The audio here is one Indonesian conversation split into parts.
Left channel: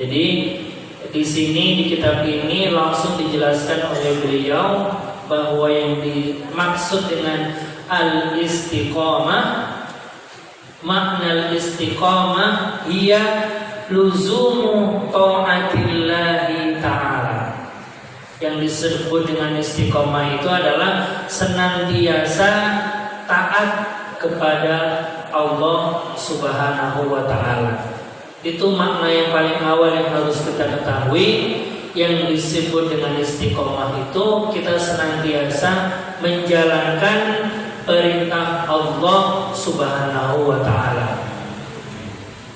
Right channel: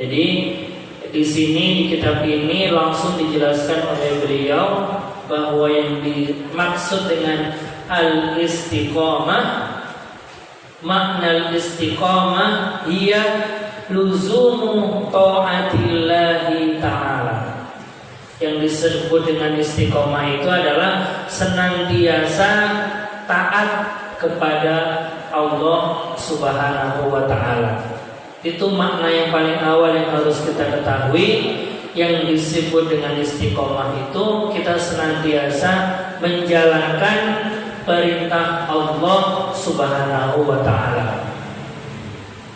Jadi di sini di kitab ini langsung dijelaskan oleh beliau bahwa yang dimaksud dengan al-istiqamah, makna al-istiqamah hiya luzumu ta'atillahi ta'ala. Yang disebut dengan istiqamah itu adalah senantiasa taat kepada Allah Subhanahu wa ta'ala. Itu makna yang paling awal yang harus kita ketahui. Yang disebut dengan istiqomah itu kita senantiasa menjalankan perintah Allah Subhanahu wa ta'ala.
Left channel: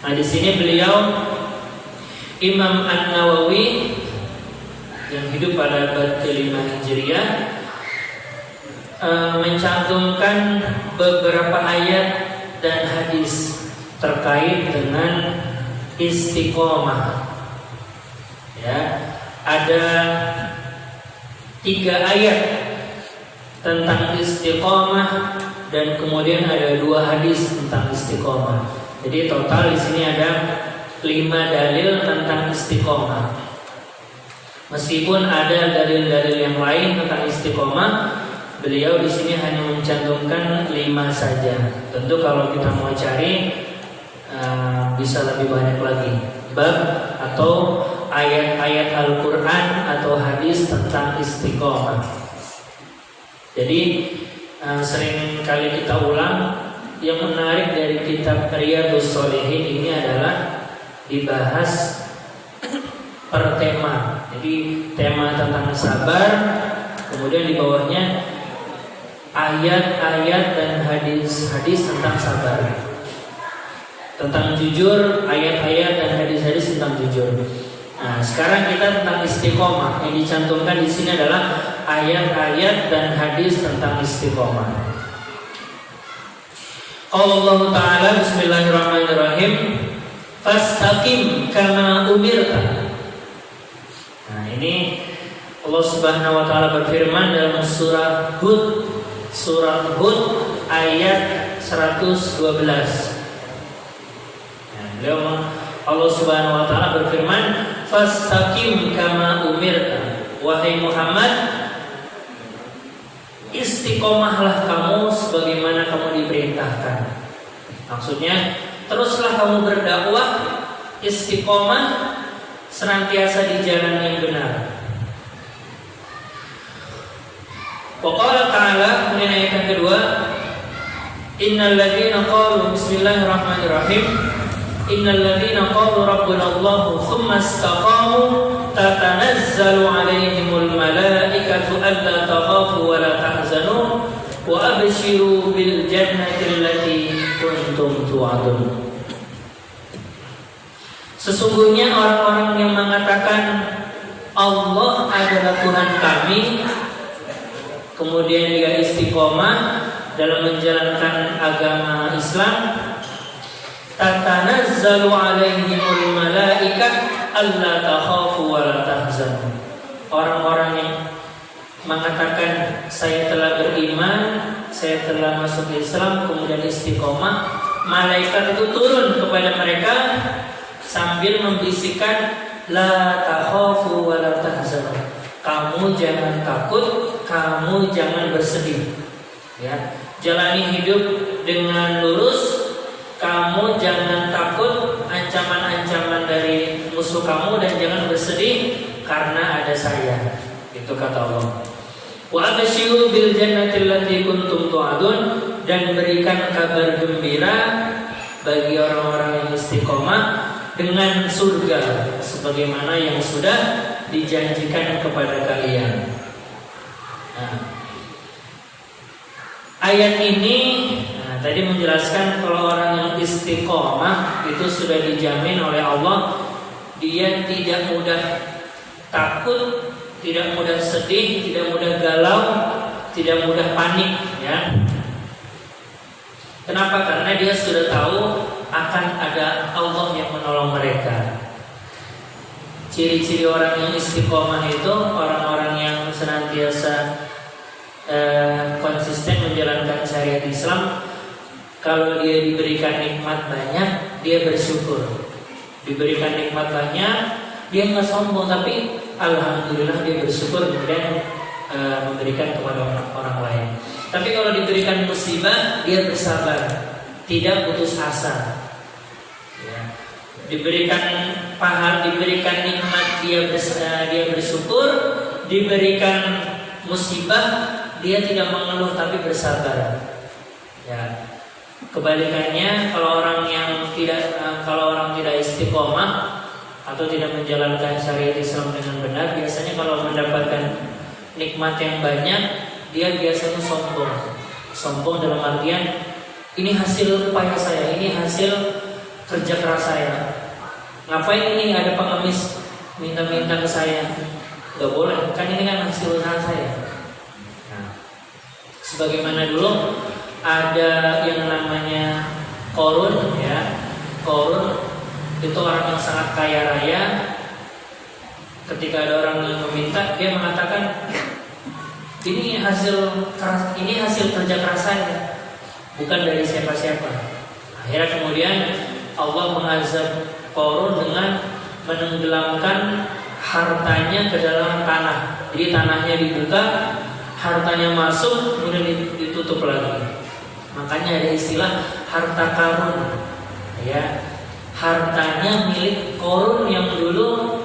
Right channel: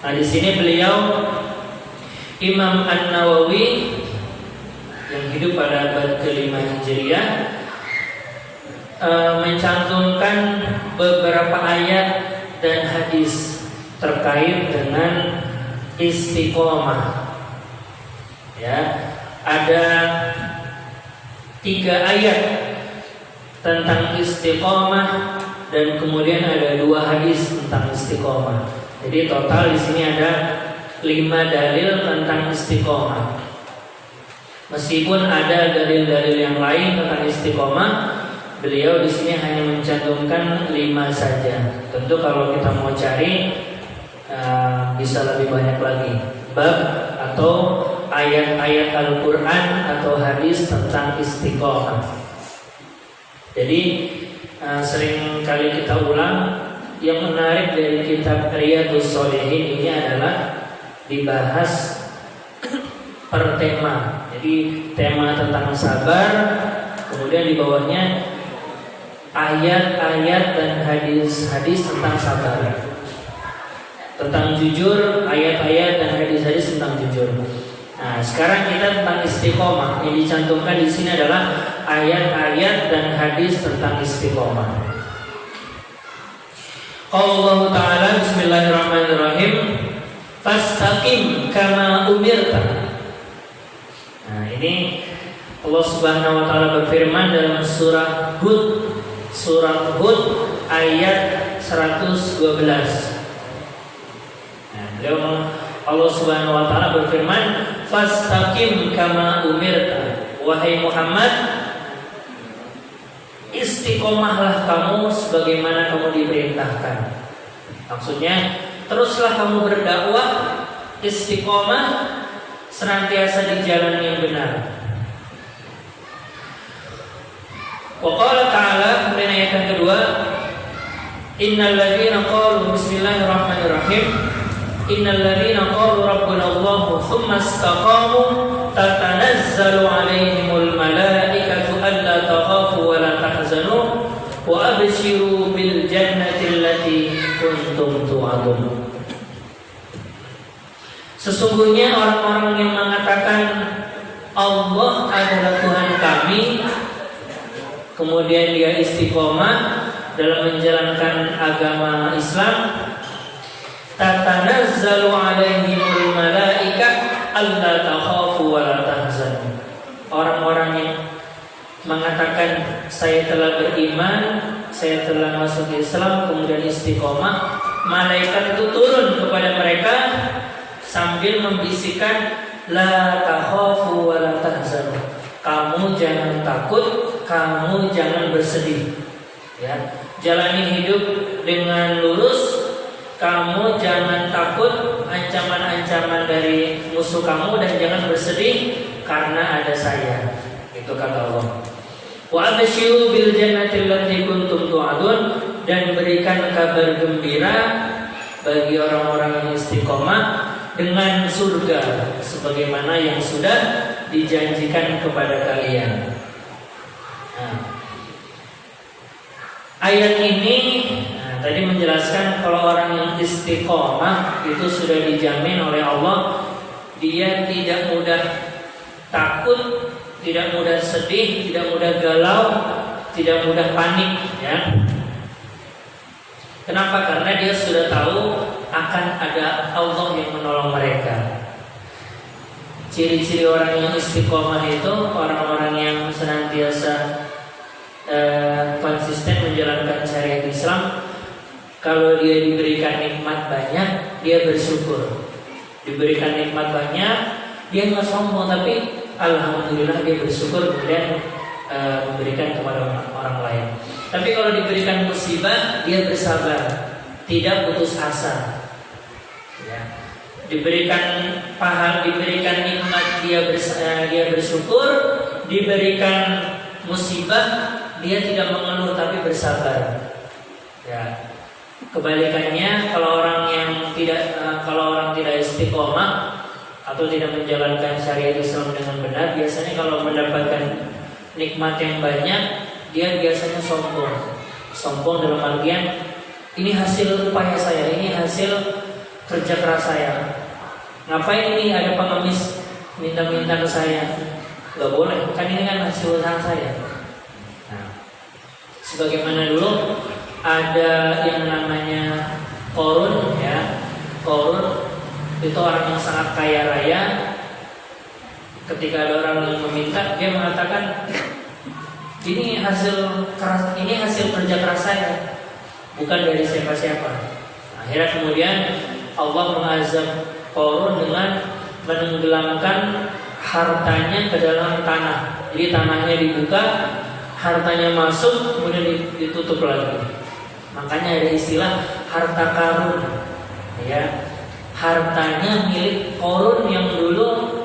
Nah, di sini beliau Imam An-Nawawi yang hidup pada abad ke-5 Hijriah mencantumkan beberapa ayat dan hadis terkait dengan istiqomah. Ya, ada 3 ayat tentang istiqomah dan kemudian ada 2 hadis tentang istiqomah. Jadi total di sini ada 5 dalil tentang istiqomah. Meskipun ada dalil-dalil yang lain tentang istiqomah, beliau di sini hanya mencantumkan 5 saja. Tentu kalau kita mau cari bisa lebih banyak lagi bab atau ayat-ayat Al-Quran atau hadis tentang istiqomah. Jadi sering kali kita ulang, yang menarik dari kitab Riyadhus Shalihin ini adalah dibahas per tema. Jadi tema tentang sabar, kemudian di bawahnya ayat-ayat dan hadis-hadis tentang sabar. Tentang jujur, ayat-ayat dan hadis-hadis tentang jujur. Nah, sekarang kita tentang istiqomah. Yang dicantumkan di sini adalah ayat-ayat dan hadis tentang istiqomah. Allah Ta'ala, bismillahirrahmanirrahim, fastaqim kama umirta. Nah, ini Allah Subhanahu wa ta'ala berfirman dalam surah Hud ayat 112. Allah Subhanahu wa ta'ala berfirman, fastaqim kama umirta. Wahai Muhammad, istiqomahlah kamu sebagaimana kamu diperintahkan. Maksudnya, teruslah kamu berdakwah, istiqomah, senantiasa di jalan yang benar. Wa qala ta'ala, kemudian ayat yang kedua, innal ladzina qalu bismillahirrahmanirrahim, innal ladzina qalu rabbuna Allah tsumma istaqamu tatanazzalu 'alaihimul malaikatu alla takhafu wa la tahzanu wa abshiru bil jannati allati kuntum tu'adun. Sesungguhnya orang-orang yang mengatakan Allah adalah Tuhan kami, kemudian dia istiqomah dalam menjalankan agama Islam, tatanazzalu 'alaihimul malaikah alla takhafu wa la tahzanu. Orang-orang yang mengatakan saya telah beriman, saya telah masuk Islam, kemudian istiqomah, malaikat itu turun kepada mereka sambil membisikkan la takhafu wa la tahzanu. Kamu jangan takut, kamu jangan bersedih. Ya, jalani hidup dengan lurus. Kamu jangan takut ancaman-ancaman dari musuh kamu dan jangan bersedih karena ada saya. Itu kata Allah. Wa abshiru bil jannati allati kuntum tu'adun, dan berikan kabar gembira bagi orang-orang yang istiqomah dengan surga sebagaimana yang sudah dijanjikan kepada kalian. Nah, ayat ini tadi menjelaskan kalau orang yang istiqomah itu sudah dijamin oleh Allah, dia tidak mudah takut, tidak mudah sedih, tidak mudah galau, tidak mudah panik, ya. Kenapa? Karena dia sudah tahu akan ada Allah yang menolong mereka. Ciri-ciri orang yang istiqomah itu orang-orang yang senantiasa konsisten menjalankan syariat Islam. Kalau dia diberikan nikmat banyak, dia bersyukur. diberikan nikmat banyak, dia nggak sombong, tapi alhamdulillah dia bersyukur kemudian memberikan kepada orang lain. Tapi kalau diberikan musibah, dia bersabar, tidak putus asa. Ya. Diberikan pahala, diberikan nikmat, dia bersyukur. Diberikan musibah, dia tidak mengeluh tapi bersabar. Ya. Kebalikannya, kalau orang tidak istiqomah atau tidak menjalankan syariat Islam dengan benar, biasanya kalau mendapatkan nikmat yang banyak, dia biasanya sombong. Sombong dalam artian, ini hasil upaya saya, ini hasil kerja keras saya. Ngapain ini ada pengemis minta-minta ke saya? Gak boleh, kan ini kan hasil usaha saya. Nah, sebagaimana dulu ada yang namanya Qarun, ya. Qarun itu orang yang sangat kaya raya. Ketika ada orang yang meminta, dia mengatakan, ini hasil kerja keras saya, bukan dari siapa-siapa. Akhirnya kemudian Allah mengazab Qarun dengan menenggelamkan hartanya ke dalam tanah. Jadi tanahnya dibuka, hartanya masuk, kemudian ditutup lagi. Makanya ada istilah harta karun, ya. Hartanya milik Qarun yang dulu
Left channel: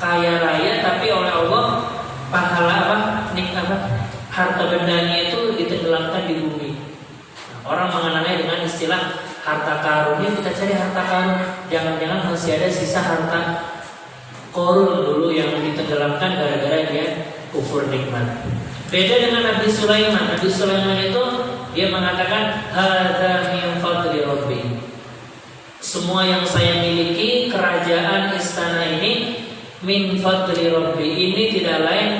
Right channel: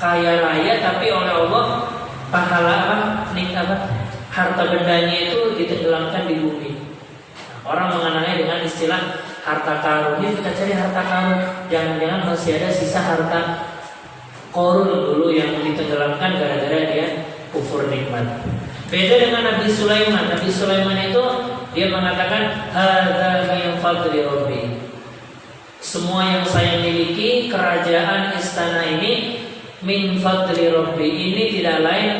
kaya raya, tapi oleh Allah harta bendanya itu ditenggelamkan di bumi. Orang mengenalnya dengan istilah harta karun. Ya, kita cari harta karun, jangan-jangan masih ada sisa harta Qarun dulu yang ditenggelamkan gara-gara dia kufur nikmat. Beda dengan Nabi Sulaiman. Nabi Sulaiman itu dia mengatakan hadza min fadli rabbi. Semua yang saya miliki, kerajaan istana ini, min fadli rabbi, ini tidak lain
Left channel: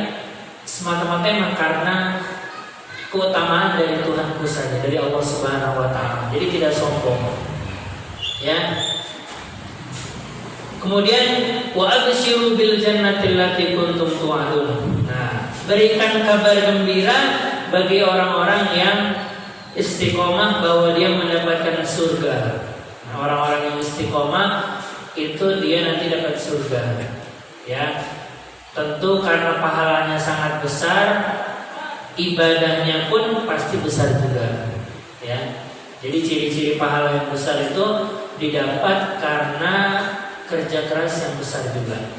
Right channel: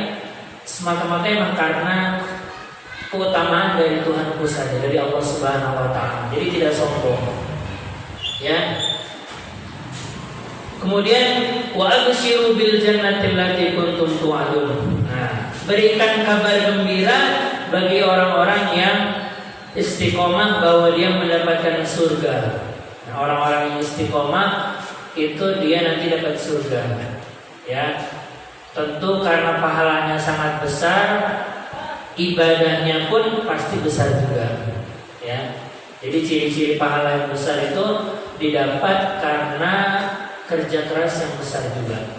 semata-mata karena keutamaan dari Tuhanku saja, dari Allah Subhanahu wa taala. Jadi tidak sombong. Ya. Kemudian wa absyiru bil jannati allati kuntum tu'adun. Nah, berikan kabar gembira bagi orang-orang yang istiqomah bahwa dia mendapatkan surga. Orang-orang yang istiqomah itu dia nanti dapat surga. Ya. Tentu karena pahalanya sangat besar, ibadahnya pun pasti besar juga. Ya. Jadi ciri-ciri pahala yang besar itu didapat karena kerja keras yang besar juga.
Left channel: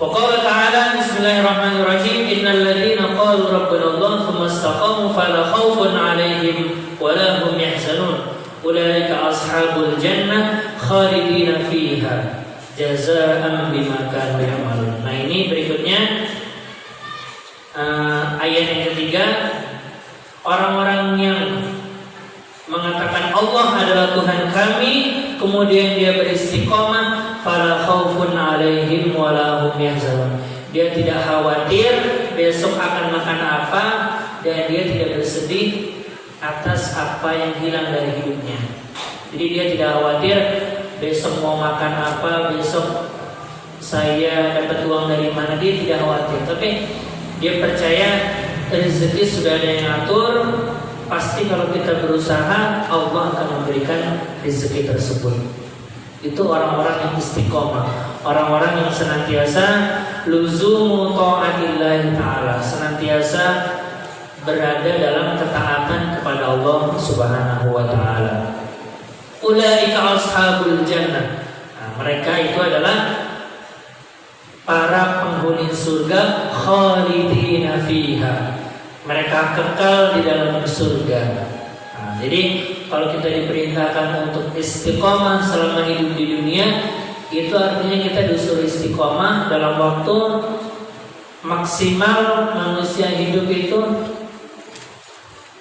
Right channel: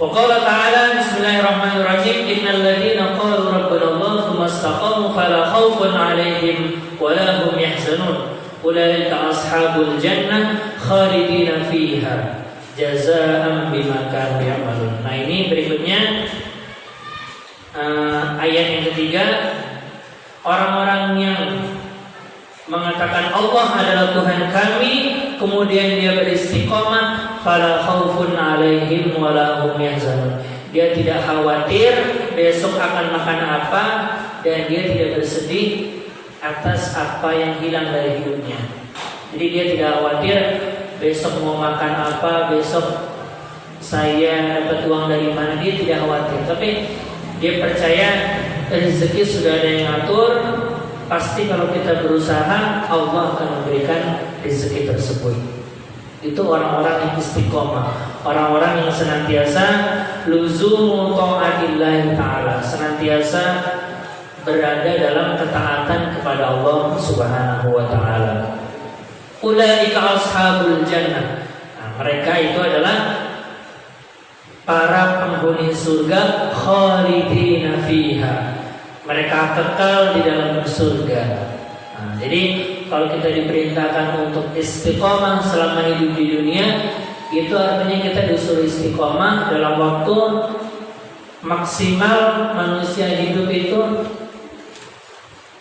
Wa qala ta'ala bismillahirrahmanirrahim innal ladzina qalu rabbuna Allah tsumma istaqamu fala khaufun 'alaihim wa la hum yahzanun ulaika ashabul jannah khalidina fiha jazaa'an bima kanu ya'malun. Nah, ini berikutnya ayat yang ketiga, orang-orang yang mengatakan Allah adalah Tuhan kami, kemudian dia beristiqomah, fala khaufun 'alaihim wa la hum yahzanun. Dia tidak khawatir besok akan makan apa, dan dia tidak bersedih atas apa yang hilang dari hidupnya. Jadi dia tidak khawatir besok mau makan apa, besok saya dapat uang dari mana, dia tidak khawatir. Tapi dia percaya rezeki sudah ada yang atur. Pasti kalau kita berusaha, Allah akan memberikan rezeki tersebut. Itu orang-orang yang istiqomah, orang-orang yang senantiasa luzumu ta'atillahi ta'ala, senantiasa berada dalam ketaatan kepada Allah Subhanahu wa ta'ala. Ulaika ashabul jannah. Nah, mereka itu adalah para penghuni surga, khalidina fiha. Mereka kekal di dalam surga. Nah, jadi kalau kita diperintahkan untuk istiqomah selama hidup di dunia, itu artinya kita disuruh istiqomah dalam waktu maksimal manusia hidup itu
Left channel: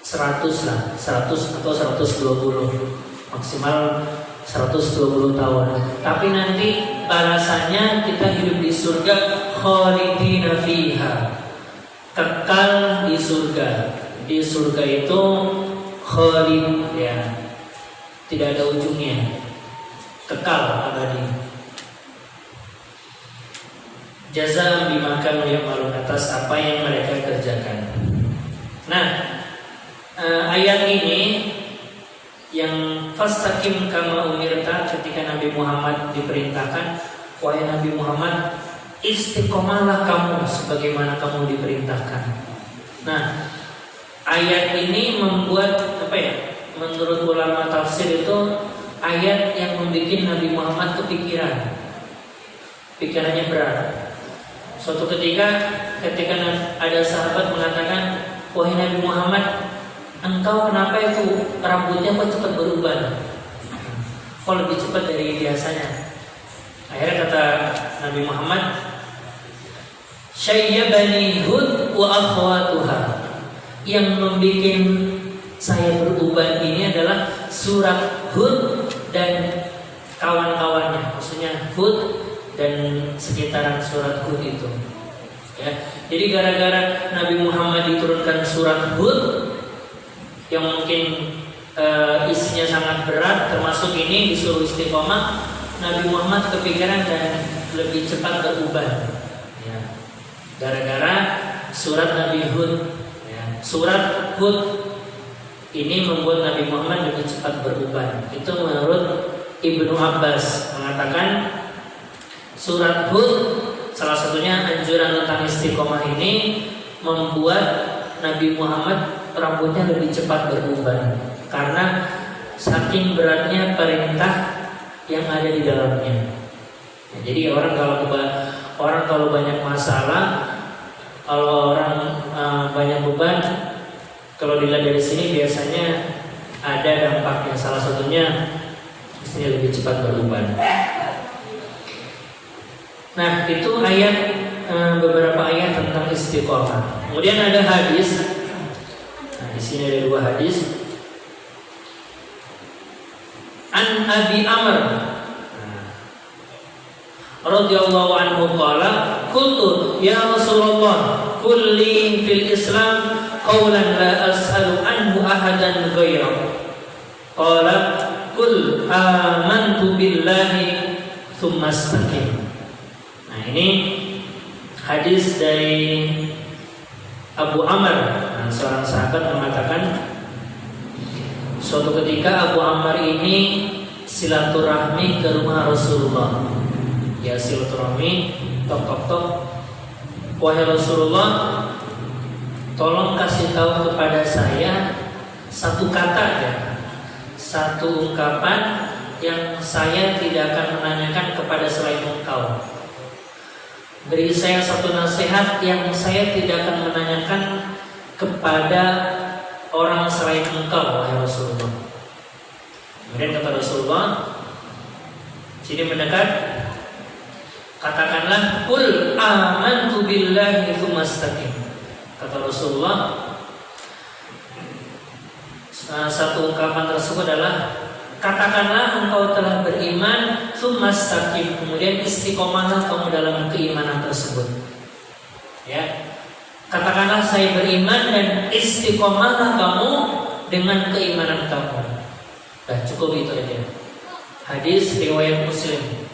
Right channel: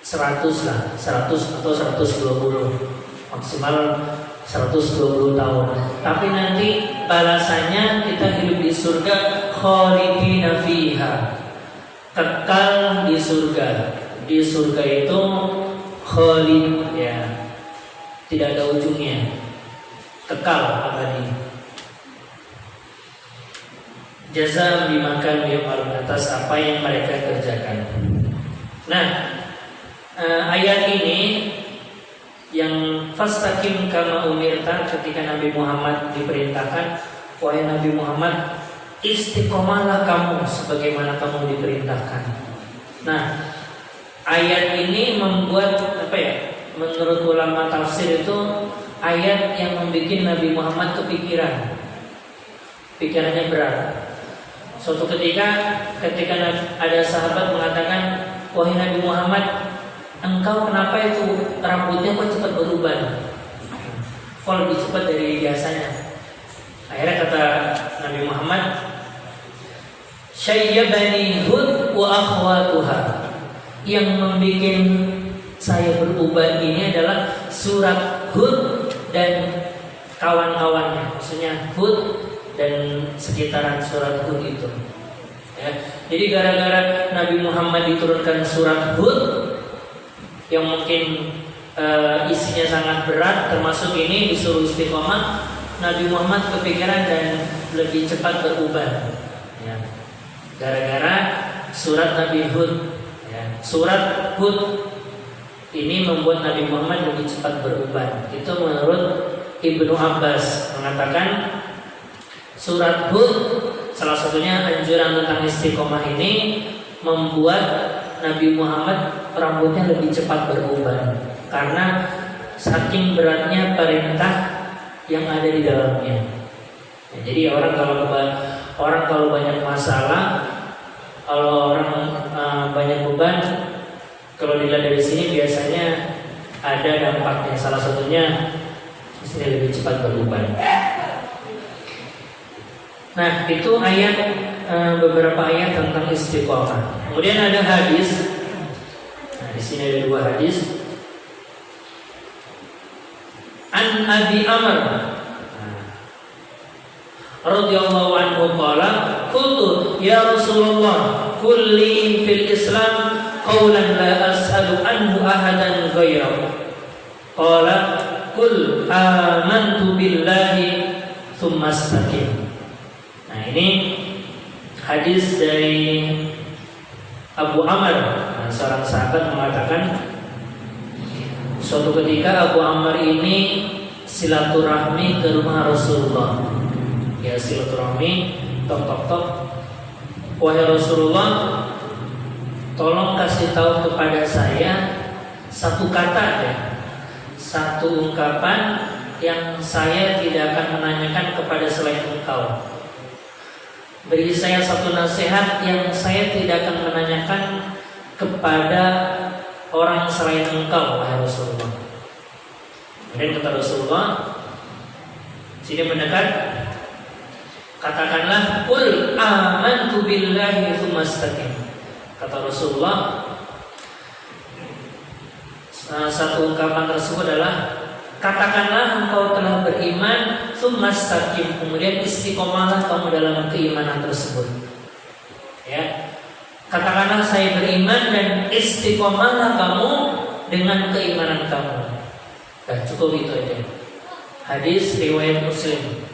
100 lah, 100 atau 120, maksimal 120 tahun. Tapi nanti balasannya kita hidup di surga, khalidina fiha, kekal di surga. Di surga itu khalid, ya, tidak ada ujungnya, kekal abadi. Jazaa bima kanu ya'malun, atas apa yang mereka kerjakan. Nah, ayat ini yang fastaqim kama umirta, ketika Nabi Muhammad diperintahkan, wahai Nabi Muhammad, istiqomahlah kamu sebagaimana kamu diperintahkan. Nah, ayat ini membuat menurut ulama tafsir itu ayat yang membuat Nabi Muhammad pikirannya berat. Suatu ketika ada sahabat mengatakan, wahai Nabi Muhammad, engkau kenapa itu rambutnya kok cepat berubah? Kok lebih cepat dari biasanya? Akhirnya kata Nabi Muhammad, syayyabani Hud wa akhwatuha. Yang membuat saya berubah ini adalah surat Hud dan kawan-kawannya. Maksudnya Hud dan sekitaran surat Hud itu. Ya. Jadi gara-gara Nabi Muhammad diturunkan surat Hud yang mungkin isinya sangat berat, termasuk ini disuruh istiqomah, Nabi Muhammad kepikiran dan lebih cepat berubah. Ya. Gara-gara surat Nabi Hud. Ya. Surat Hud ini membuat Nabi Muhammad lebih cepat berubah. Itu menurut Ibnu Abbas mengatakan surat Hud salah satunya anjuran tentang istiqomah ini membuat Nabi Muhammad rambutnya lebih cepat berubah karena saking beratnya perintah yang ada di dalamnya. Ya, jadi orang kalau banyak masalah, kalau orang banyak beban, kalau dilihat dari sini biasanya ada dampaknya. Salah satunya mesti lebih cepat berubah. Nah, itu ayat beberapa ayat tentang istiqomah. Kemudian ada hadis. Nah, di sini ada dua hadis. An Abi Amr radhiyallahu anhu qala, qultu ya Rasulullah, kulli fil Islam qawlan la as'alu anhu ahadan ghayra. Qala qul amantu billahi tsumma istaqim. Nah, ini hadis dari Abu Amr. Nah, seorang sahabat mengatakan, suatu ketika Abu Amr ini silaturahmi ke rumah Rasulullah. Ya, silaturahmi, tok. Wahai Rasulullah, tolong kasih tahu kepada saya satu kata ya, satu ungkapan yang saya tidak akan menanyakan kepada selain engkau. Beri saya satu nasihat yang saya tidak akan menanyakan kepada orang selain engkau, wahai Rasulullah. Kemudian kata Rasulullah, sini mendekat, katakanlah qul amantu billahi tsumma istaqim. Kata Rasulullah, satu ungkapan tersebut adalah katakanlah engkau telah beriman, tsumma istaqim, kemudian istiqomahlah kamu dalam keimanan tersebut. Ya. Katakanlah saya beriman dan istiqomahlah kamu dengan keimanan kamu. Nah, cukup itu aja. Hadis riwayat Muslim.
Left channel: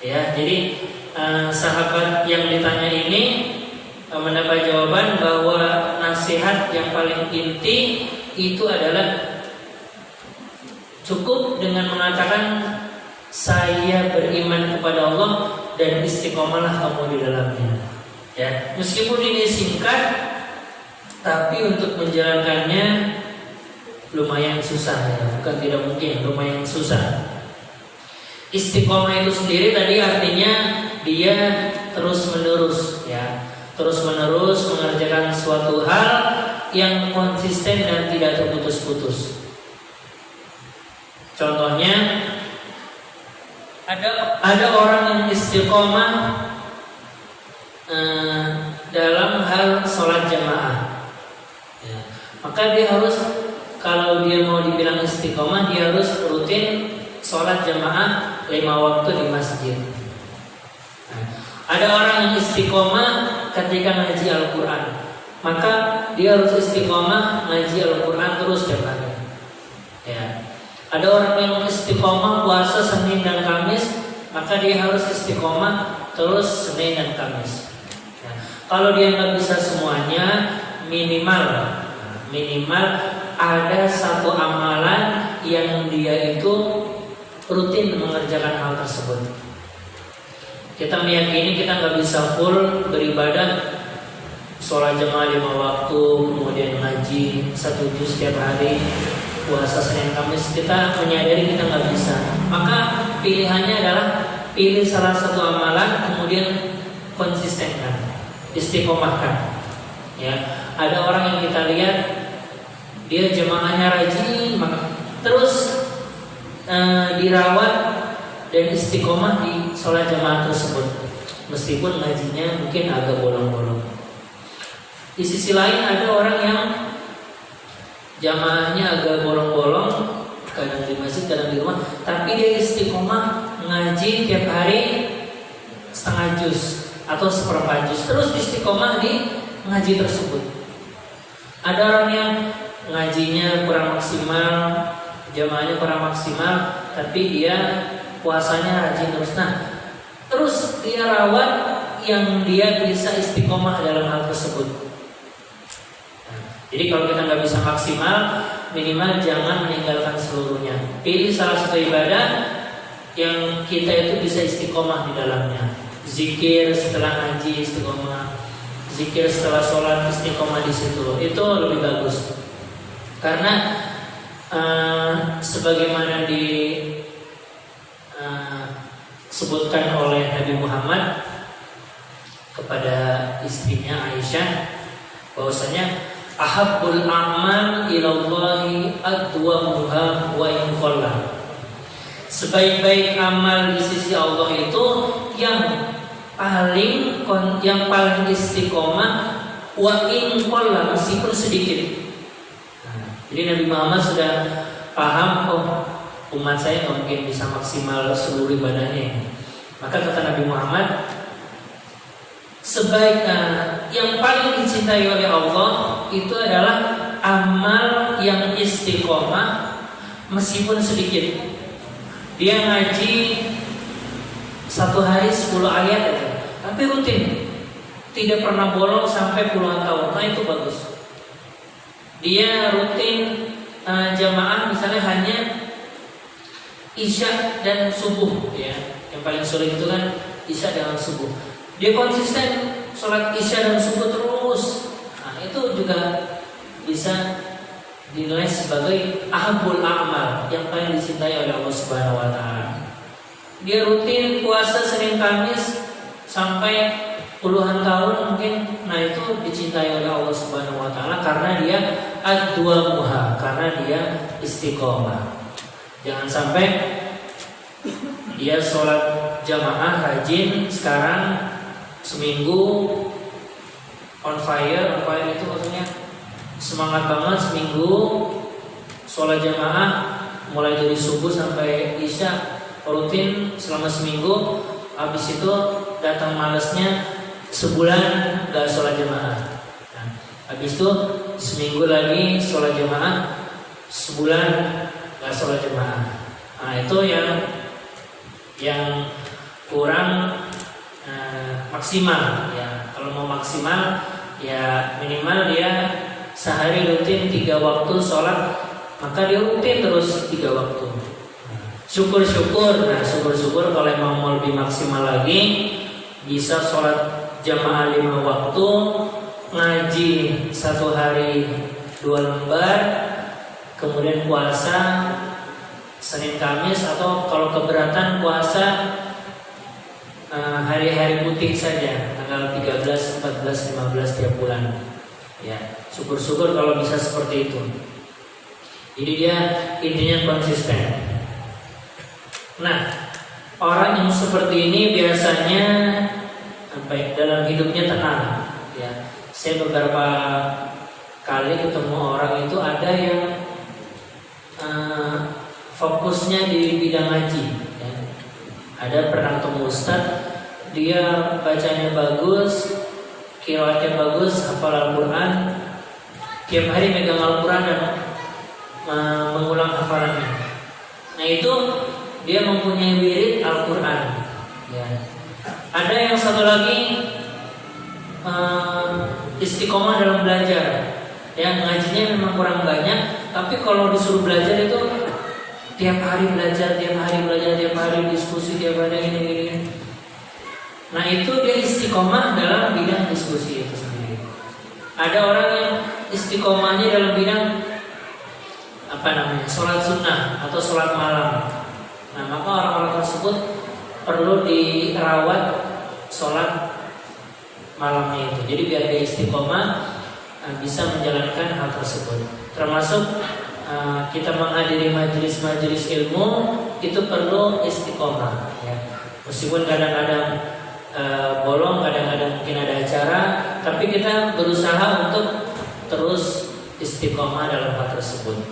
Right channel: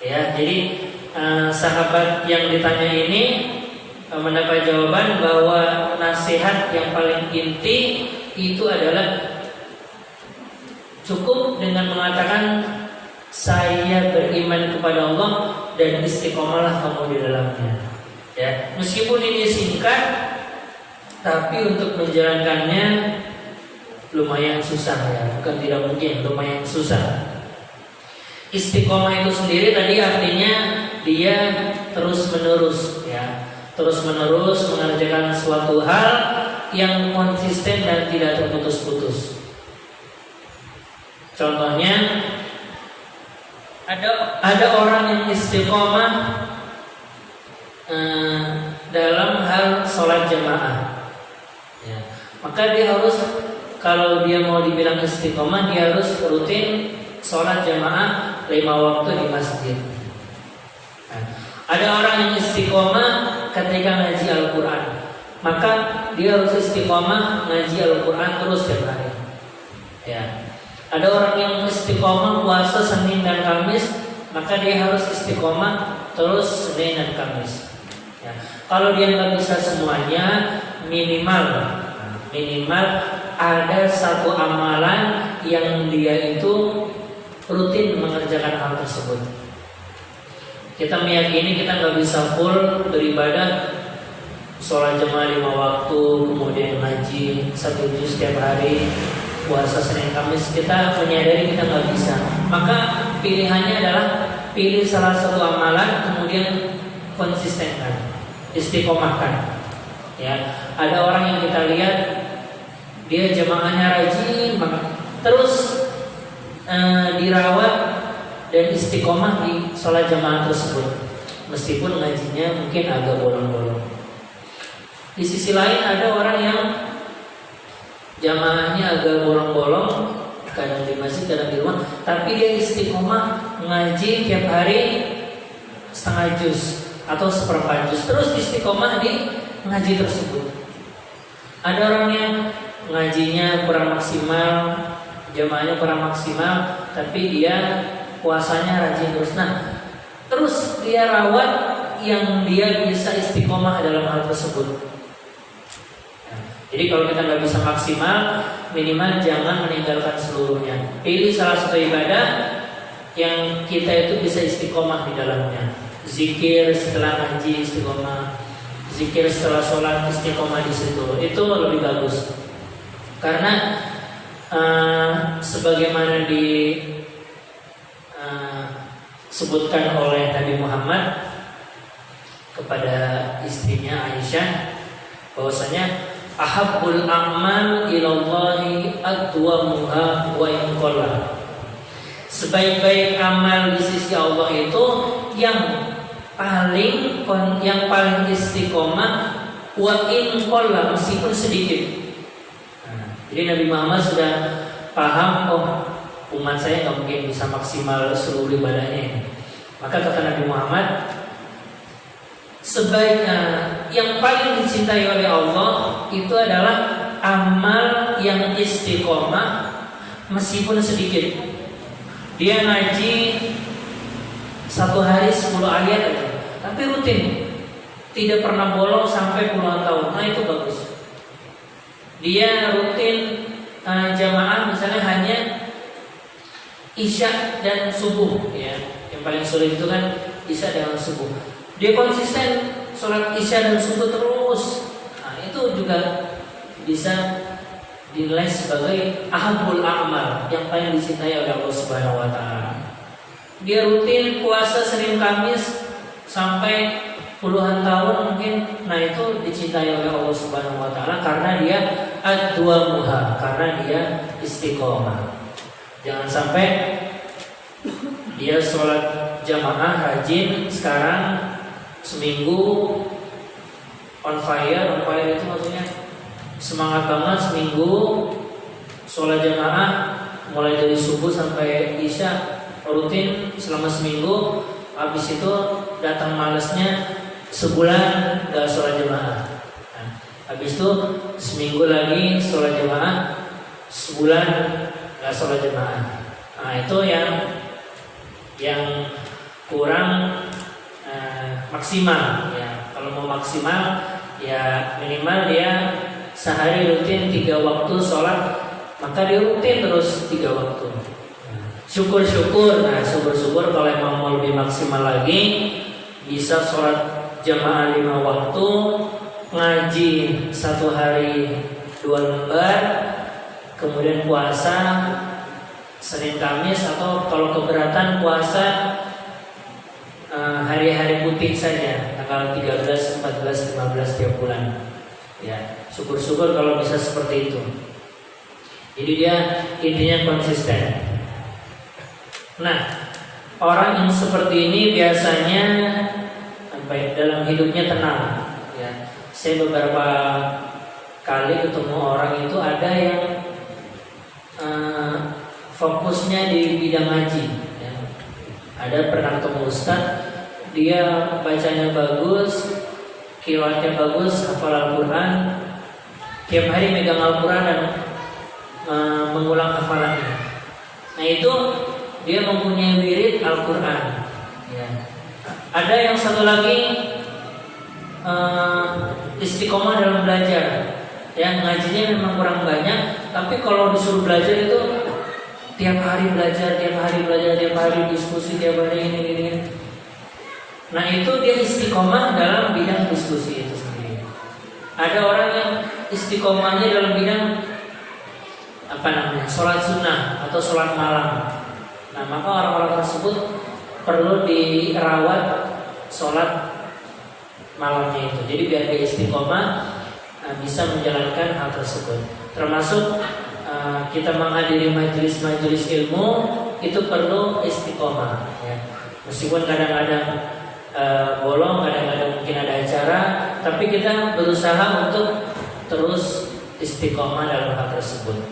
Ya, jadi sahabat yang ditanya ini mendapat jawaban bahwa nasihat yang paling inti itu adalah cukup dengan mengatakan saya beriman kepada Allah dan istiqomahlah kamu di dalamnya. Ya, meskipun ini singkat, tapi untuk menjalankannya lumayan susah ya, bukan tidak mungkin, lumayan susah. Istiqomah itu sendiri tadi artinya dia terus menerus ya, terus menerus mengerjakan suatu hal yang konsisten dan tidak terputus-putus. Contohnya ada orang yang istiqomah dalam hal sholat jamaah ya. Maka dia harus, kalau dia mau dibilang istiqomah, dia harus rutin sholat jamaah 5 waktu di masjid. Nah, ada orang yang istiqomah ketika ngaji Al-Quran, maka dia harus istiqomah ngaji Al-Quran terus setiap hari ya. Ada orang yang istiqomah puasa Senin dan Kamis, maka dia harus istiqomah terus Senin dan Kamis. Kalau dia nggak bisa semuanya, minimal ada satu amalan yang dia itu rutin mengerjakan hal tersebut. Kita meyakini kita nggak bisa full beribadah, sholat jamaah 5 waktu, kemudian ngaji 1 juz setiap hari, puasa Senin Kamis. Kita menyadari kita nggak bisa. Maka pilihannya adalah pilih salah satu amalan, kemudian konsistenkan, istiqomahkan. Ya, ada orang yang kita lihat dia jemaahnya rajin, maka terus dirawat dan istiqomah di sholat jamaah tersebut, meskipun ngajinya mungkin agak bolong-bolong. Di sisi lain ada orang yang jamaahnya agak bolong-bolong, kadang di masjid, kadang di rumah, tapi dia istiqomah ngaji tiap hari setengah juz atau seperempat juz, terus istiqomah di ngaji tersebut. Ada orang yang ngajinya kurang maksimal, jamaahnya kurang maksimal, tapi dia puasanya rajin terus. Nah, terus dia rawat yang dia bisa istiqomah dalam hal tersebut. Jadi kalau kita nggak bisa maksimal, minimal jangan meninggalkan seluruhnya. Pilih salah satu ibadah yang kita itu bisa istiqomah di dalamnya. Zikir setelah ngaji istiqomah, zikir setelah sholat istiqomah di situ. Itu lebih bagus. Karena sebagaimana disebutkan oleh Nabi Muhammad kepada istrinya Aisyah, bahwasanya ahabbul a'mal ilallahi adwamuha wa in qalla. Sebaik-baik amal di sisi Allah itu yang paling istiqomah wa in qalla, meskipun sedikit. Jadi Nabi Muhammad sudah paham, umat saya nggak mungkin bisa maksimal seluruh ibadahnya. Maka kata Nabi Muhammad, yang paling dicintai oleh Allah itu adalah amal yang istiqomah meskipun sedikit. Dia ngaji 1 hari 10 ayat aja, tapi rutin, tidak pernah bolong sampai puluhan tahun. Nah itu bagus. Dia rutin jamaah misalnya hanya Isya dan subuh, ya. Yang paling sulit itu kan Isya dan subuh. Dia konsisten sholat Isya dan subuh terus. Nah itu juga bisa dinilai sebagai ahabul a'mal, yang paling dicintai oleh Allah Subhanahu wa taala. Dia rutin puasa Senin Kamis sampai puluhan tahun mungkin. Nah itu dicintai oleh Allah Subhanahu wa taala karena dia ad-duamuha, karena dia istiqomah. Jangan sampai dia sholat jamaah rajin, sekarang seminggu on fire itu maksudnya semangat banget, seminggu sholat jamaah mulai dari subuh sampai isya rutin selama seminggu. Habis itu datang malesnya, sebulan gak sholat jamaah. Nah, habis itu seminggu lagi sholat jamaah, sebulan gak sholat jamaah. Nah itu yang kurang maksimal, ya. Kalau mau maksimal, ya minimal dia sehari rutin 3 waktu sholat, maka dia rutin terus 3 waktu. Syukur-syukur kalau emang mau lebih maksimal lagi, bisa sholat jamaah 5 waktu, ngaji 1 hari 2 lembar, kemudian puasa Senin Kamis, atau kalau keberatan puasa hari-hari putih saja, tanggal 13, 14, 15 tiap bulan. Ya, syukur-syukur kalau bisa seperti itu. Jadi dia intinya konsisten. Nah, orang yang seperti ini biasanya dalam hidupnya tenang. Ya, saya beberapa kali ketemu orang itu ada yang fokusnya di bidang ngaji. Ya. Ada pernah ketemu ustaz, dia bacanya bagus, qiraatnya bagus, hafal Al-Quran, tiap hari megang Al-Quran dan mengulang hafalannya. Nah itu dia mempunyai wirid Al-Quran. Ya. Ada yang satu lagi istiqomah dalam belajar. Yang ngajinya memang kurang banyak, tapi kalau disuruh belajar itu tiap hari belajar, tiap hari diskusi, tiap hari ini. Nah itu dia istiqomah dalam bidang diskusi itu sendiri. Ada orang yang istiqomahnya dalam bidang sholat sunnah atau sholat malam. Nah maka orang-orang tersebut perlu dirawat sholat malamnya itu. Jadi biar dia istiqomah bisa menjalankan hal tersebut. Termasuk kita menghadiri majelis-majelis ilmu itu perlu istiqomah. Ya. Meskipun kadang-kadang bolong, kadang-kadang mungkin ada acara, tapi kita berusaha untuk terus istiqomah dalam hal tersebut.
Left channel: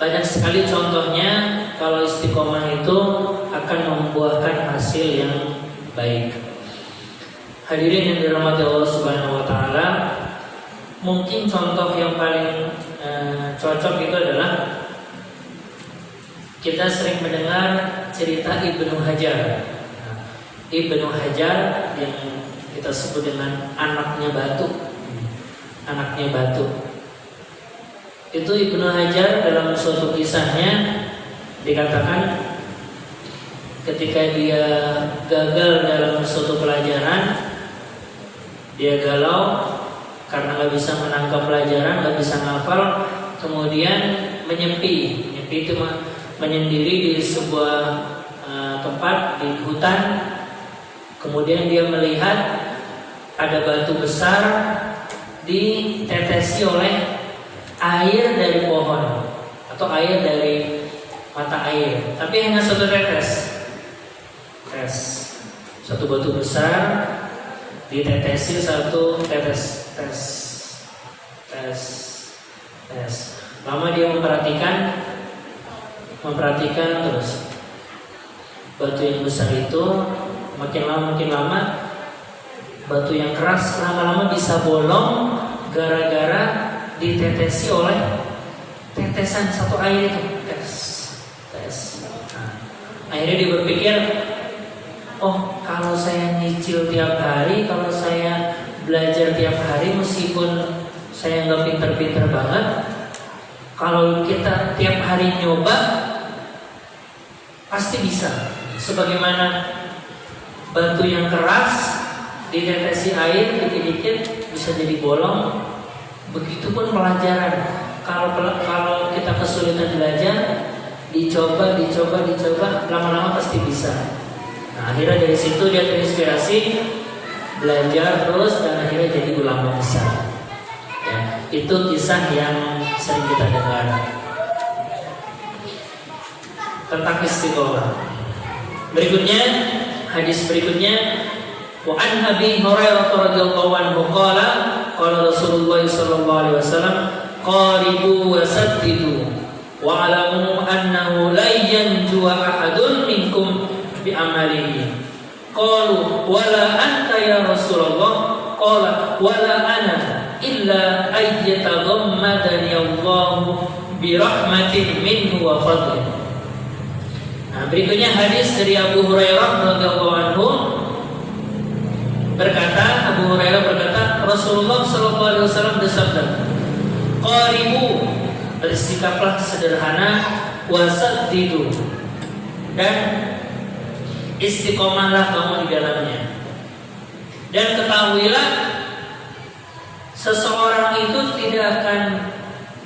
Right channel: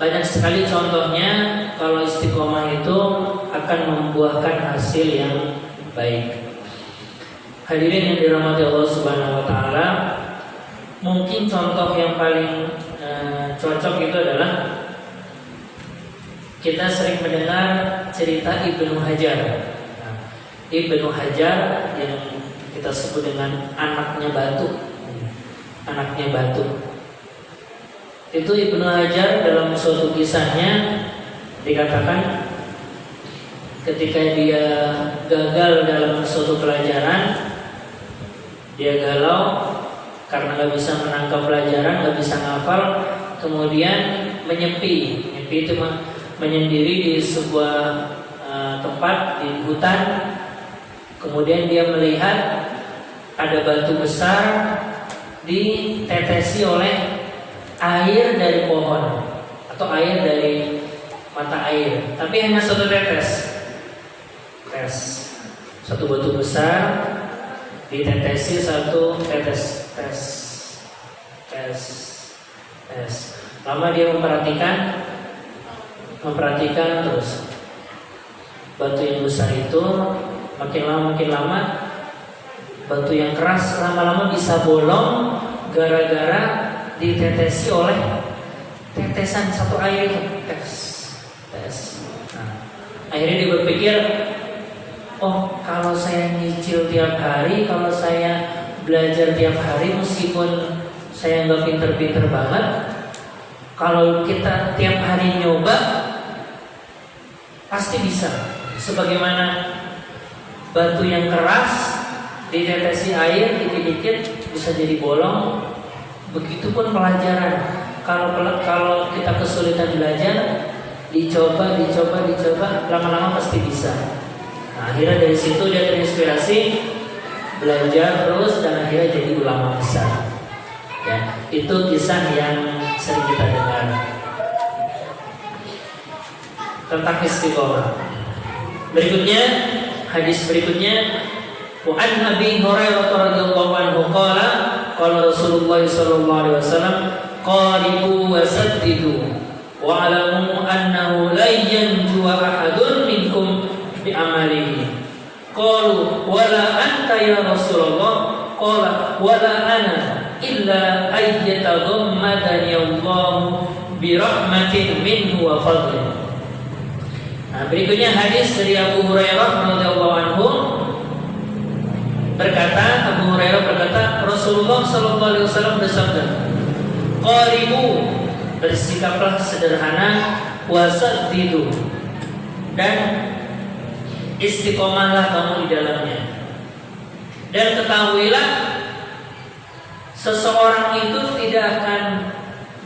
Banyak sekali contohnya kalau istiqomah itu akan membuahkan hasil yang baik. Hadirin yang dirahmati Allah Subhanahu wa taala, mungkin contoh yang paling cocok itu adalah kita sering mendengar cerita Ibnu Hajar. Ibnu Hajar yang kita sebut dengan anaknya batu. Itu Ibnu Hajar dalam suatu kisahnya dikatakan ketika dia gagal dalam suatu pelajaran, dia galau karena nggak bisa menangkap pelajaran, nggak bisa ngafal, kemudian menyepi itu menyendiri di sebuah tempat di hutan. Kemudian dia melihat ada batu besar ditetesi oleh air dari pohon atau air dari mata air, tapi hanya satu tetes. Satu batu besar ditetesi satu tetes. Lama dia memperhatikan terus batu yang besar itu. Makin lama batu yang keras lama-lama bisa bolong gara-gara ditetesi oleh tetesan satu air itu. Akhirnya dia berpikir, oh kalau saya nyicil tiap hari, kalau saya belajar tiap hari, meskipun saya nggak pinter-pinter banget, kalau kita tiap hari nyoba pasti bisa. Sebagaimana batu yang keras ditetesi air dikit-dikit bisa jadi bolong. Begitupun pelajaran. Kalau kita kesulitan belajar, dicoba, lama-lama pasti bisa. Nah, akhirnya dari situ dia terinspirasi, belajar terus dan akhirnya jadi ulama besar. Ya, itu kisah yang sering kita dengar tentang istiqomah. Hadis berikutnya, wa an Abi Hurairah radhiyallahu anhu qala Rasulullah sallallahu alaihi wasallam qaribu wa saddidu wa alamu annahu la yanju ahadun minkum bi amalihi. Qalu wala anta ya Rasulullah, qala wala ana illa ayyataghammadani Allah bi rahmatin minhu wa fadlin. Nah, berikutnya hadis dari Abu Hurairah radhiyallahu anhu Abu Hurairah berkata, Rasulullah sallallahu alaihi wasallam bersabda, qaribu, bersikaplah sederhana, wasaddidu, dan istiqomahlah kamu di dalamnya. Dan ketahuilah seseorang itu tidak akan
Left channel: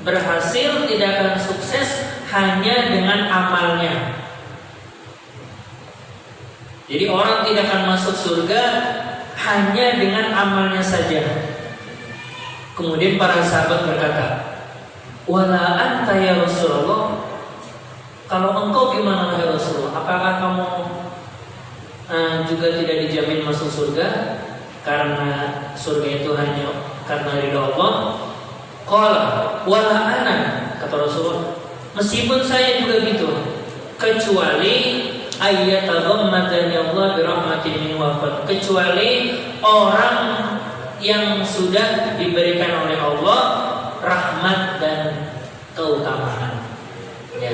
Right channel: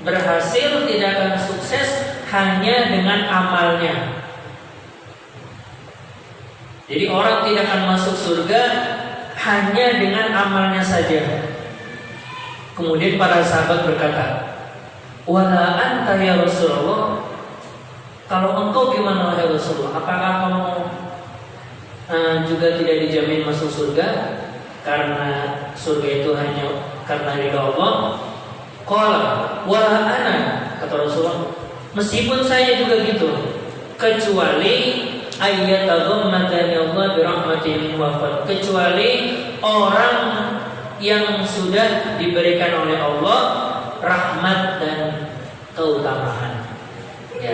berhasil, tidak akan sukses hanya dengan amalnya. Jadi orang tidak akan masuk surga hanya dengan amalnya saja. Kemudian para sahabat berkata, wala anta ya Rasulullah, kalau engkau gimana wahai Rasulullah? Apakah kamu juga tidak dijamin masuk surga karena surga itu hanya karena ridha Allah? Qala wala ana, kata Rasulullah, meskipun saya juga gitu, kecuali ayyataghammadani Allah bi rahmatin min wafat, kecuali orang yang sudah diberikan oleh Allah rahmat dan keutamaan. Ya.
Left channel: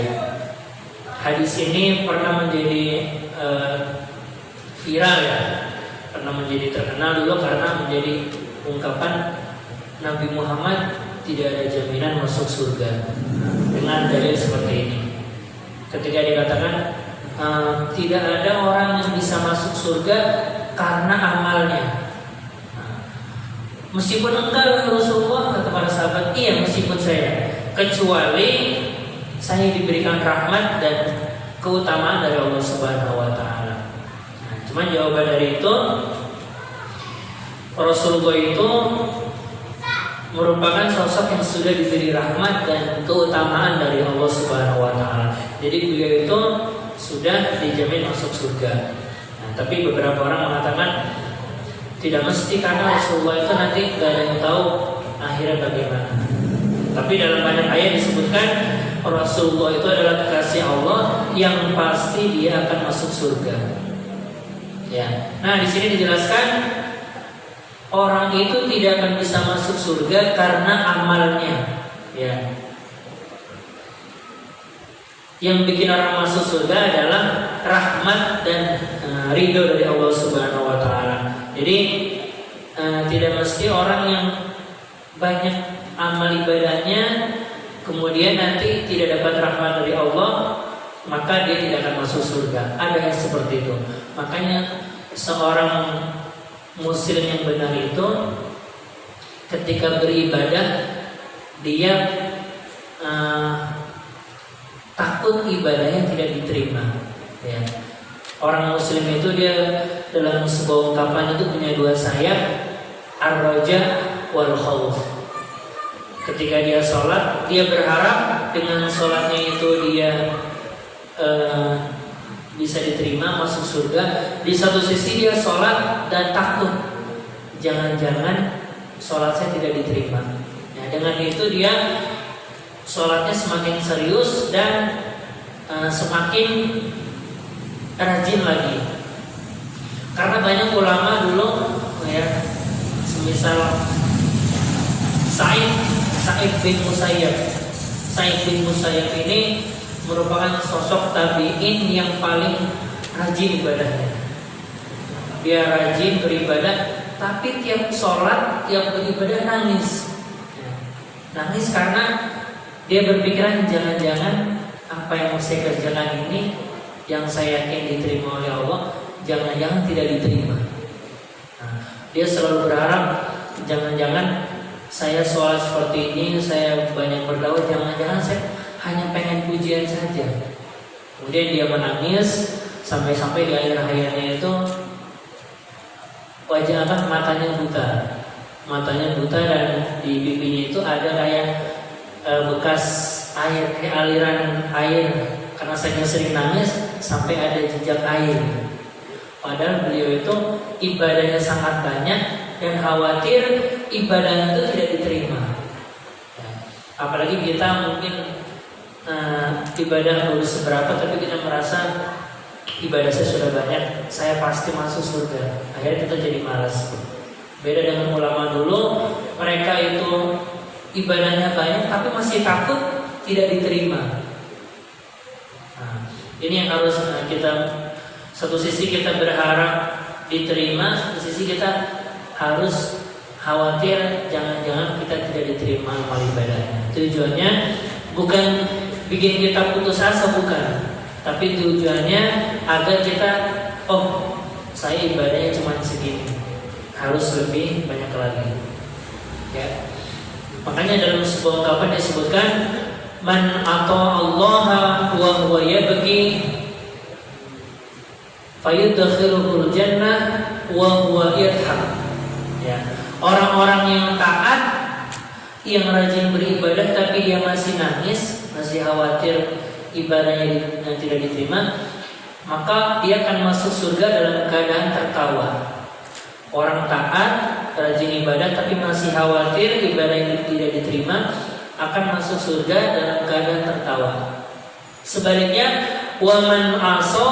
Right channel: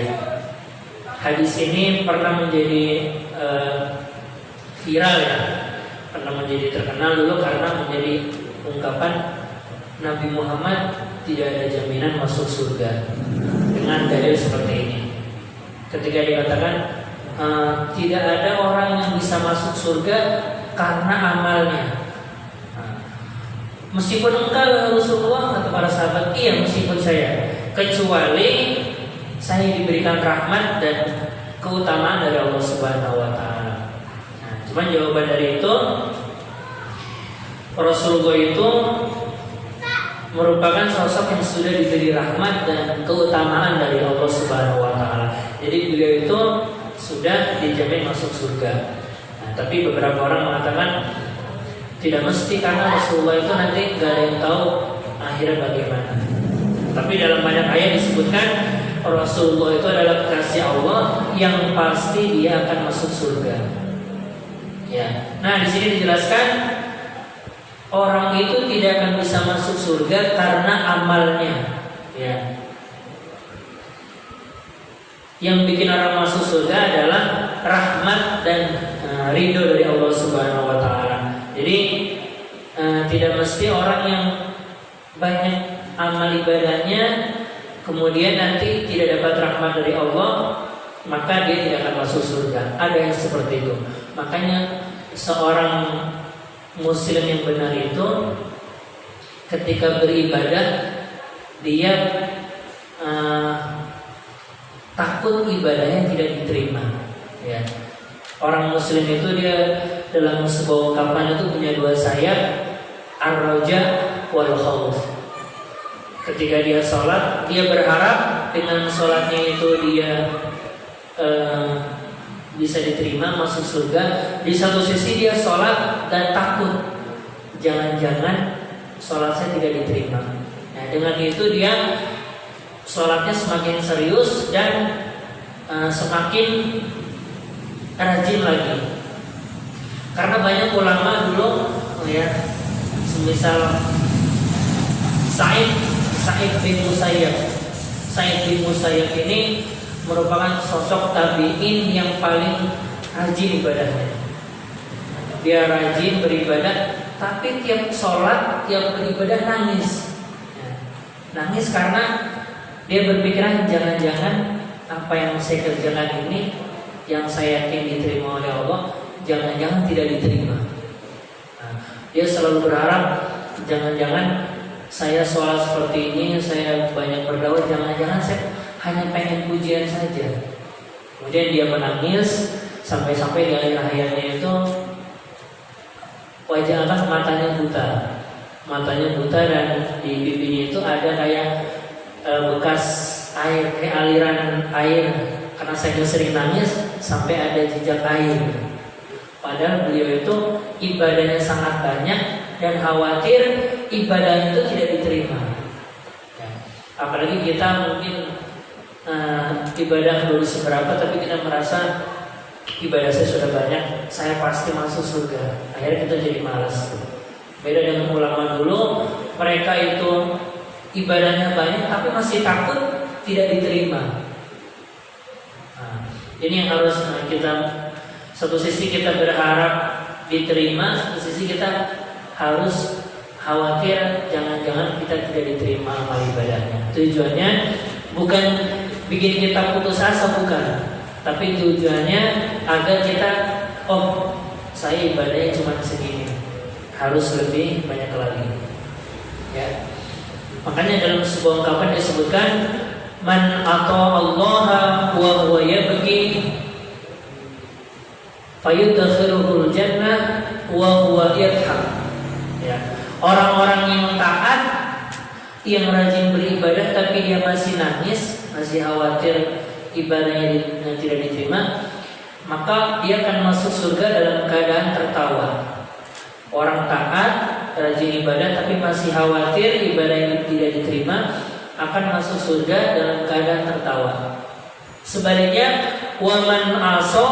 Hadis ini pernah menjadi viral ya, pernah menjadi terkenal dulu karena menjadi ungkapan Nabi Muhammad tidak ada jaminan masuk surga. dengan dalil seperti ini. Ketika dikatakan tidak ada orang yang bisa masuk surga karena amalnya. Meskipun engkau Rasulullah, kata para sahabat, iya meskipun saya, kecuali saya diberikan rahmat dan keutamaan dari Allah Subhanahu wa taala. Cuman jawaban dari itu, Rasulullah itu merupakan sosok yang sudah diberi rahmat dan keutamaan dari Allah Subhanahu wa taala. Jadi beliau itu sudah dijamin masuk surga. Tapi beberapa orang mengatakan tidak mesti, karena Rasulullah itu nanti tidak ada yang tahu akhirnya bagaimana. Tapi dalam banyak ayat disebutkan Rasulullah itu adalah kekasih Allah yang pasti dia akan masuk surga. Ya. Nah, di sini dijelaskan orang itu tidak akan bisa masuk surga karena amalnya. Ya. Yang bikin orang masuk surga adalah rahmat dan ridho dari Allah Subhanahu wa taala. Jadi tidak mesti orang yang banyak amal ibadahnya kemudian nanti tidak dapat rahmat dari Allah, maka dia tidak akan masuk surga. Ada yang seperti itu. Makanya seorang muslim yang benar itu ketika beribadah dia takut ibadahnya tidak diterima. Ya. Orang muslim itu dia dalam sebuah ungkapan itu punya dua sayap, ar-raja wal khauf. Ketika dia sholat, dia berharap dengan sholatnya itu dia bisa diterima masuk surga. Di satu sisi dia sholat dan takut jangan-jangan sholat saya tidak diterima. Nah, dengan itu dia sholatnya semakin serius dan semakin rajin lagi. Karena banyak ulama dulu ya, semisal Sa'id bin Musayyab ini merupakan sosok tabi'in yang paling rajin ibadahnya. Dia rajin beribadah, tapi tiap sholat, tiap beribadah nangis. Nangis karena dia berpikiran jangan-jangan apa yang saya kerjakan ini yang saya yakin diterima oleh Allah, jangan-jangan tidak diterima. Dia selalu berharap jangan-jangan saya sholat seperti ini, saya banyak berdoa, jangan-jangan saya hanya pengen pujian saja. Kemudian dia menangis sampai-sampai di akhir hayatnya itu wajah matanya buta dan di pipinya itu ada kayak bekas air, kayak aliran air, karena saya sering nangis sampai ada jejak air. Padahal beliau itu ibadahnya sangat banyak dan khawatir ibadah itu tidak diterima. Ya. Apalagi kita mungkin ibadah baru seberapa, tapi kita merasa ibadah saya sudah banyak, saya pasti masuk surga. Akhirnya kita jadi malas. Beda dengan ulama dulu, mereka itu ibadahnya banyak tapi masih takut tidak diterima. Nah, ini yang harus kita, satu sisi kita berharap diterima, satu sisi kita harus khawatir jangan-jangan kita tidak diterima amal ibadahnya. Tujuannya bukan bikin kita putus asa, bukan, tapi tujuannya agar kita, oh saya ibadahnya cuma segini, harus lebih banyak lagi. Ya. Makanya dalam sebuah ungkapan disebutkan man ata'allaha wa huwa yabki fayudkhiluhul jannah wa huwa yadhhak. Ya. Orang-orang yang taat, yang rajin beribadah tapi dia masih nangis, masih khawatir ibadahnya tidak diterima, maka dia akan masuk surga dalam keadaan tertawa. Orang taat, rajin ibadah tapi masih khawatir ibadahnya tidak diterima, akan masuk surga dalam keadaan tertawa. Sebaliknya, wa man asa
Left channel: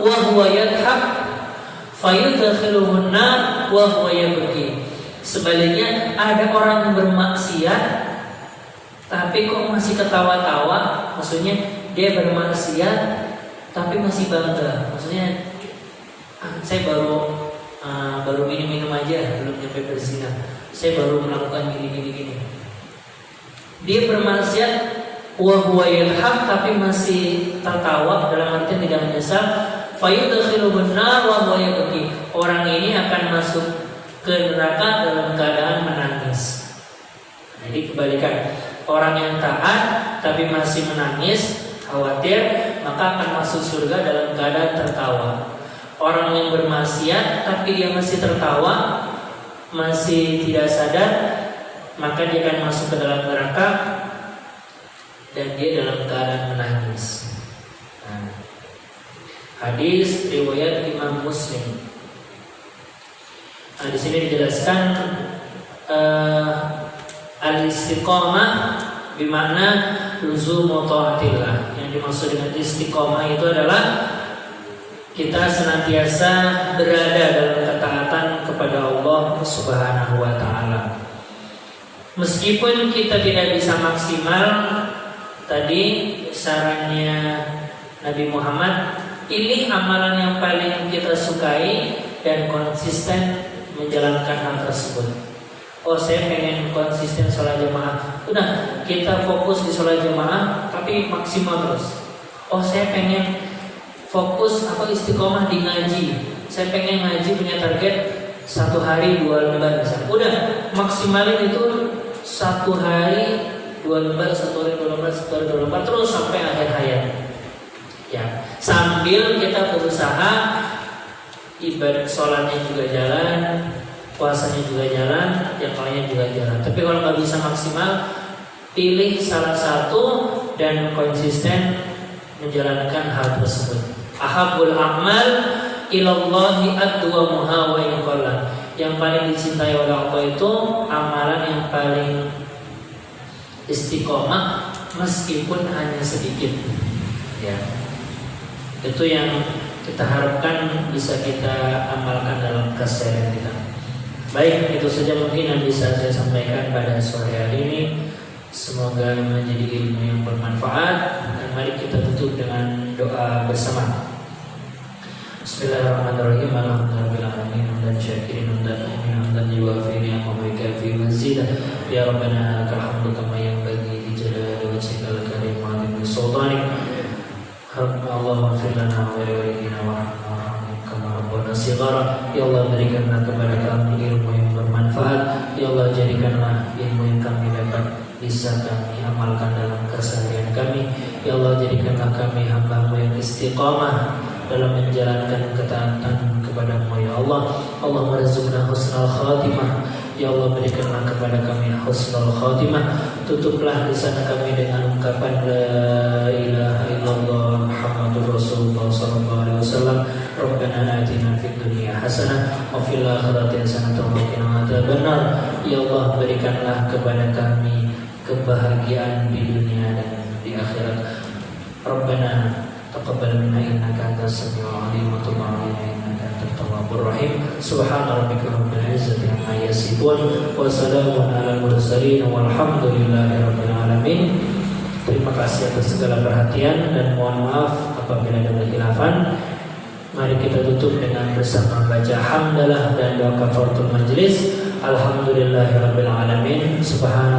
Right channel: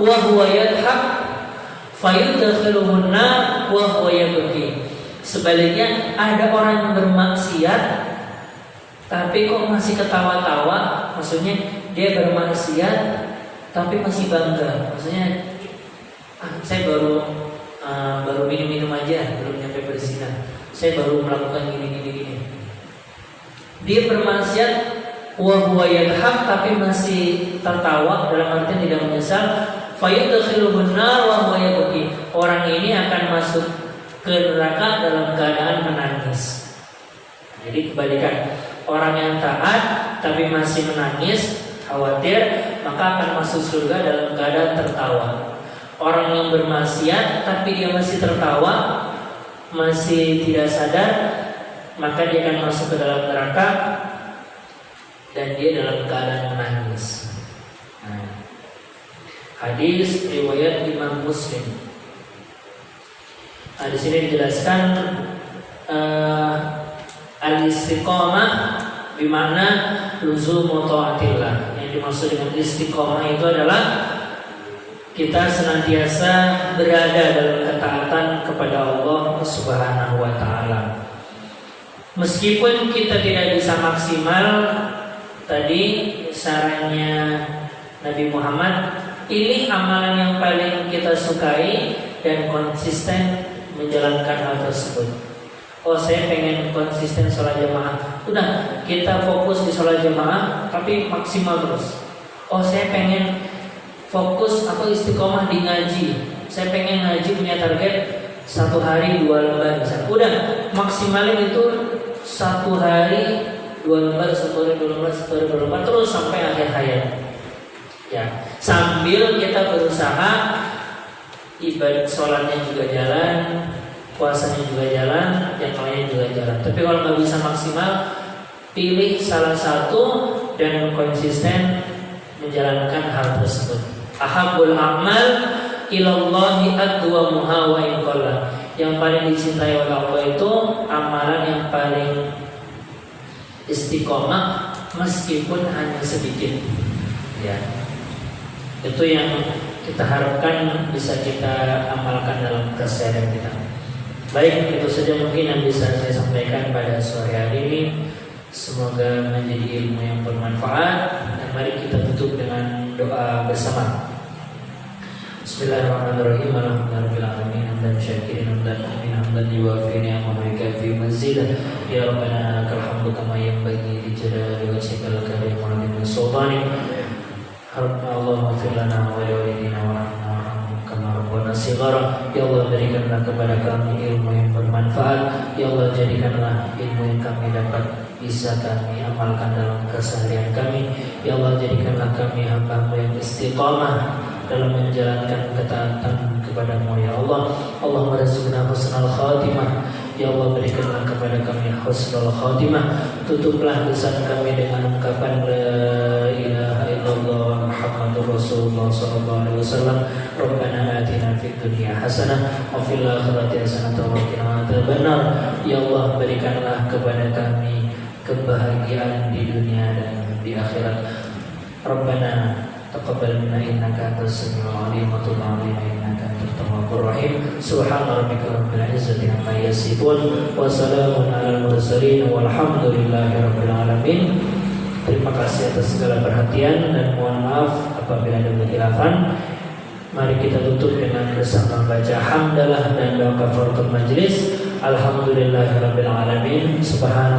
wa huwa yadhhak fayudkhiluhun nar wa huwa yabki. Sebaliknya, ada orang yang bermaksiat tapi kok masih ketawa-tawa, maksudnya dia bermaksiat tapi masih bangga, maksudnya saya baru minum aja, belum nyampe berzina, saya baru melakukan gini. Dia bermaksiat wa huwa yadhak, tapi masih tertawa dalam artian tidak menyesal, fayudkhiluhun nar wa huwa yabki, orang ini akan masuk ke neraka dalam keadaan menangis. Jadi kebalikan, orang yang taat tapi masih menangis, khawatir, maka akan masuk surga dalam keadaan tertawa. Orang yang bermaksiat tapi dia masih tertawa, masih tidak sadar, maka dia akan masuk ke dalam neraka dan dia dalam keadaan menangis. Hadis riwayat Imam Muslim. Di sini dijelaskan al-istiqamah bermakna luzumu taatillah. Yang dimaksud dengan istiqamah itu adalah kita senantiasa berada dalam ketaatan kepada Allah Subhanahu wa taala. Meskipun kita tidak bisa maksimal, tadi sarannya Nabi Muhammad, pilih amalan yang paling kita sukai dan konsisten menjalankan hal tersebut. Oh, saya pengen konsisten sholat jamaah. Udah, kita fokus di sholat jamaah tapi maksimal terus. Oh, saya pengen fokus atau istiqomah di ngaji. Saya pengen ngaji punya target 1 hari 2 lembar. Udah, maksimalin itu 1 hari 2 lembar, 1 hari 2 lembar, 1 hari 2 lembar terus sampai akhir hayat. Ya, sambil kita berusaha ibadah sholatnya juga jalan, puasanya juga jalan, yang lainnya juga jalan. Tapi kalau nggak bisa maksimal, pilih salah satu dan konsisten menjalankan hal tersebut. Ahabul a'mal ilallahi adwamuha wa in qalla. Yang paling dicintai oleh Allah itu amalan yang paling istiqomah meskipun hanya sedikit. Ya. Itu yang kita harapkan bisa kita amalkan dalam keseharian kita. Baik, itu saja mungkin yang bisa saya sampaikan pada sore hari ini. Semoga menjadi ilmu yang bermanfaat. Dan mari kita tutup dengan doa bersama. Bismillahirrahmanirrahim. Alhamdulillahirabbil dan syakirin dan mu'minin dan yuwafi ni'amahu wa yukafi mazidah. Ya Rabbana lakal hamdu kama yanbaghi li jalali wajhikal karim wa li sultanik. Allahumma fir lana wa li walidina warhamna kama rabbana shighara. Ya Allah, berikanlah kepada kami ilmu yang bermanfaat. Ya Allah, jadikanlah ilmu yang kami dapat bisa kami amalkan dalam keseharian kami. Ya Allah, jadikanlah kami hamba-Mu yang istiqamah dalam menjalankan ketaatan kepada-Mu. Ya Allah, Allahumma rizqna husnal khatimah. Ya Allah, berikanlah kepada kami husnul khatimah. Tutuplah lisan kami dengan ungkapan la ilaha illallah Muhammadur Rasulullah sallallahu alaihi wasallam. Rabbana atina fid dunya hasanah wa fil akhirati hasanah wa qina adzabannar. Ya Allah, berikanlah kepada kami kebahagiaan di dunia dan di akhirat. Rabbana taqabbal minna innaka antas samiul alim wa tub alaina innaka antat tawwabur rahim. Subhana rabbika rabbil izzati amma yasifun wa salamun alal mursalin walhamdulillahi rabbil alamin. Terima kasih atas segala perhatian dan mohon maaf apabila ada kekhilafan. Mari kita tutup dengan bersama baca hamdalah dan doa kafaratul majlis. Alhamdulillahirabbil alamin. Subhana